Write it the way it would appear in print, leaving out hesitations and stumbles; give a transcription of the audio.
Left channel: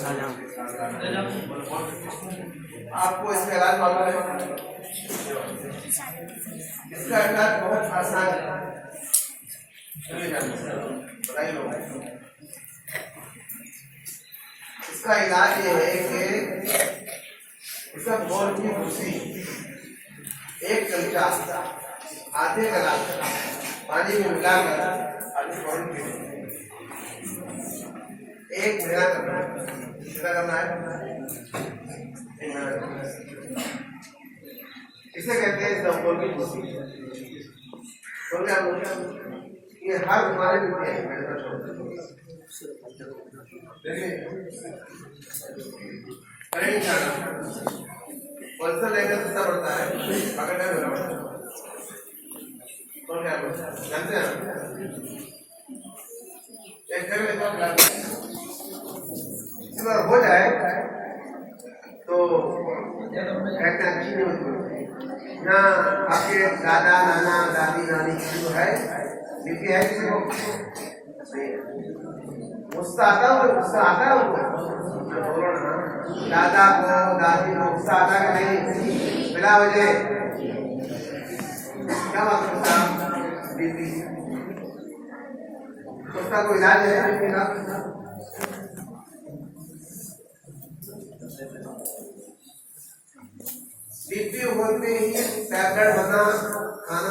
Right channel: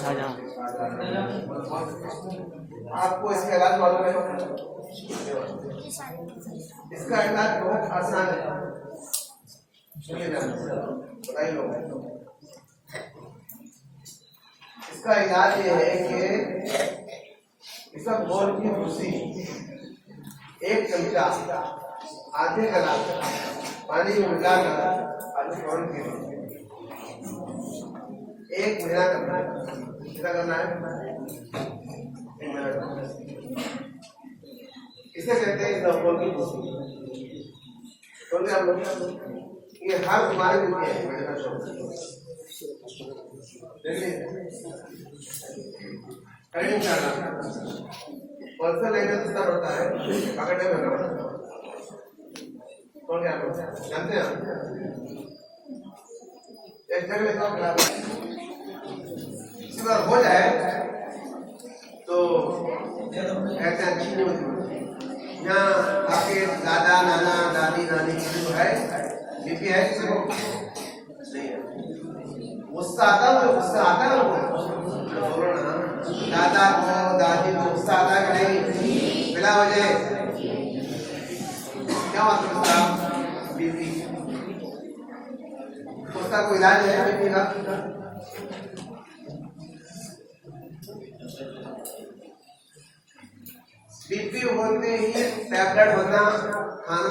शाहजहां आपको इसका इलाज मालूम है? इसका इलाज बहुत आसान है, बताइए लोग। इसका इलाज ये है कि इसका बोल की भूसी एक चमचा आधे गिलास पानी में मिलाकर एक महीना करना है। कितना करना है? इसे कहते हैं इसबगोल की भूसी। ये हर बीमारी होती है। पल्सर लेने से कितना पड़ता है? पकड़ने में कौन क्या जानते हैं? इस बार हो जाए तो कहते हैं अच्छी नहीं होती। यहाँ आपके दादा नाना दादी नानी जो है बीपी है किसी को नहीं है। गुस्सा आता है उनको बोलो ना, दादा को दादी को गुस्सा आता है कि नहीं? बिना वजह क्या मतलब बीपी? उसका कोई इलाज है बीपी का? बीपी होते ही टैबलेट होना खाना